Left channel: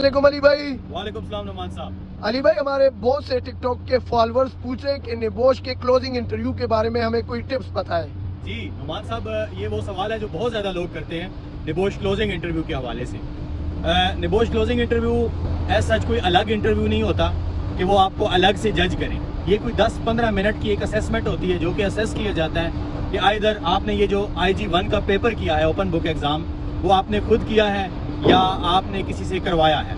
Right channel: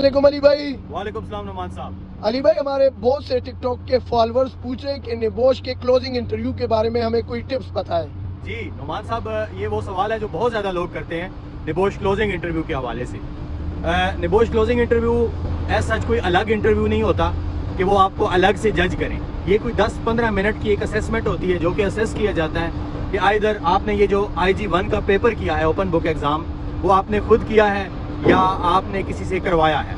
वालेकुम अली भाई। वालेकुम सलाम नुमान साहब। अली भाई, हमारे बहुत से टिकटॉक के फॉलोअर्स पूछ रहे हैं कि निबोश के क्लोजिंग इंटरव्यू के बारे में हमें कोई टिप्स बताएं। जी नुमान साहब, ये वो सवाल है जो बहुत ज़्यादा लोग करते हैं निबोश क्लोजिंग इंटरव्यू के हवाले से। निबोश क्लोजिंग इंटरव्यू ऐसा सच कोई अलग इंटरव्यू नहीं होता कि वो आपको अलग से जज करें। ये कोई 10-15 मिनट की एक असेसमेंट होती है जो कि असेस किया जाता है कि आइदर आपने ये जो IG1 का पेपर किया है, ओपन बुक एग्ज़ाम, वो आपने खुद किया है या आपने किसी से करवाया है।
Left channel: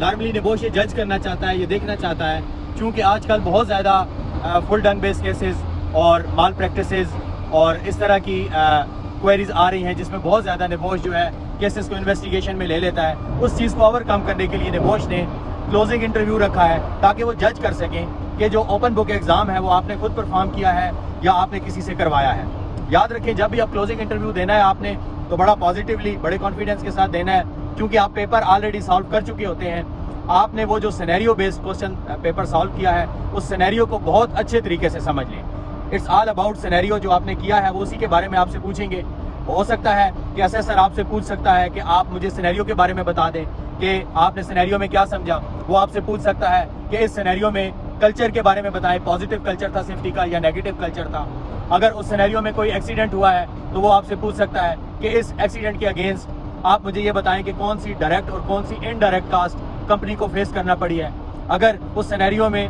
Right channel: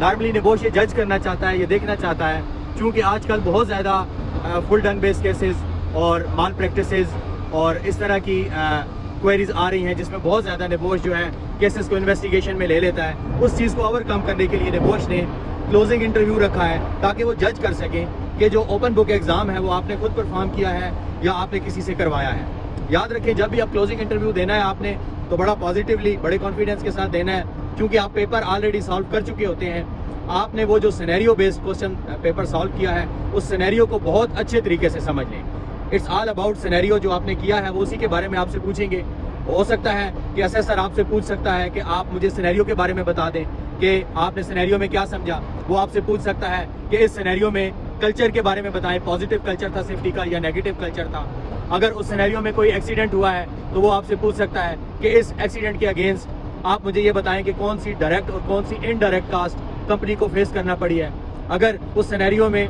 नॉर्मली निबोश ये जज करना चाहता है, ये देखना चाहता है, चूँकि आजकल बहुत ज़्यादा फुल डंग बेस केसेस और माल प्रैक्टिसेस और इस तरह की क्वेरीज आ रही हैं जिसमें बहुत ज़्यादा निबोश जो है केसेस को इन्वेस्टिगेशन में ले लेता है। उस चीज़ को ओवरकम करने के लिए निबोश ने क्लोजिंग इंटरव्यू रखा है ताकि वो जज कर सकें कि जो ओपन बुक एग्ज़ाम है वो आपने खुद परफॉर्म किया है या आपने किसी से करवाया है। याद रखें, जब भी आप क्लोजिंग इंटरव्यू देना है आपने तो बड़ा पॉजिटिवली, बड़े कॉन्फिडेंस के साथ देना है, क्योंकि आप पेपर ऑलरेडी सॉल्व कर चुके होते हैं। आपने वो जो scenario based question paper solve किया है उस सिनेरियो को बहुत अच्छे तरीके से समझ लें। इट्स ऑल अबाउट सिनेरियो जो आपने किया है वो उसी के बारे में आपसे पूछेंगे। हो सकता है कि असेसर आपसे पूछ सकता है कि आप मुझे सिनेरियो के बारे में बता दें कि आपने सिनेरियो में क्या समझा। वो आपसे पूछ सकता है कि इस सिनेरियो में कल्चर के बारे में बताएं, पॉजिटिव कल्चर था सेफ्टी का या नेगेटिव कल्चर था। अगर उस सिनेरियो में कोई एक्सीडेंट हुआ है तो वो आपसे पूछ सकता है कि इस एक्सीडेंट के अगेंस्ट आप मुझे ये बताएं कि कौन सी डायरेक्ट और कौन सी इनडायरेक्ट कास्ट कंपनी को फेस करना पड़ी है। अगर उस सिनेरियो में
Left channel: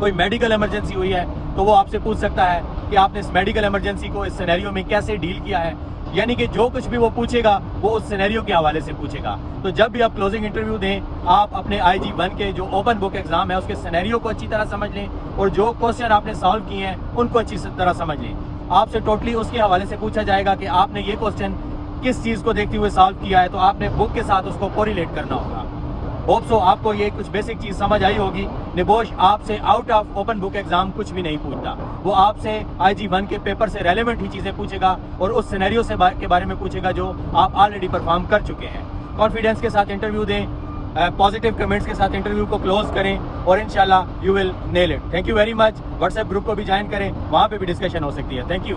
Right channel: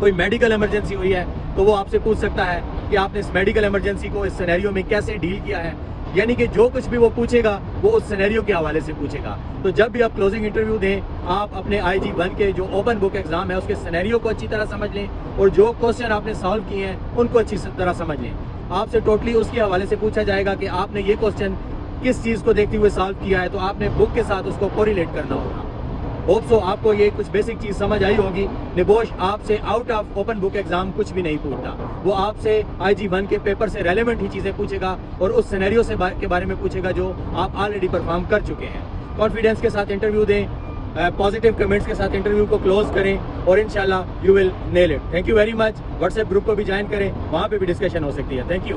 कोई मेडिकल इमरजेंसी हुई है तो वो आपसे पूछ सकता है कि आपने इस मेडिकल इमरजेंसी को इस सिनेरियो में कैसे डील किया है। यानी कि जो कुछ भी वो पूछेगा वो उस सिनेरियो के हवाले से पूछेगा। तो जब भी आप क्लोजिंग इंटरव्यू दें, आप अपने IG1 के जो ओपन बुक एग्जाम है उसके सिनेरियो को अच्छी तरह समझ लें और जो क्वेश्चन आपने सॉल्व किए हैं उनको अच्छी तरह समझ लें। आपसे टोटली उसके हवाले से पूछा जाएगा कि आपने ये क्वेश्चन किस चीज़ को देखते हुए सॉल्व किया है, तो आपने बुक के साथ उसको कोरिलेट करना होगा। होप सो आपको ये कुछ बेसिक चीज़ समझ आई होगी। निबोश आपसे out of open book exam कुछ भी नहीं पूछता, वो आपसे IG1 के पेपर से रेलेवेंट ही चीज़ें पूछेगा और उस सिनेरियो से के बारे में पूछेगा जो आप ऑलरेडी परफॉर्म कर चुके हैं। कॉन्फिडेंस के साथ इंटरव्यू दें, पॉजिटिव कमेंट्स के साथ इंटरव्यू को क्लोज करें और इंशाल्लाह you will nail it. Thank you very much. WhatsApp group को भी ज्वाइन करें, वहाँ पे भी डिस्कशन हो सकती है। Thank you.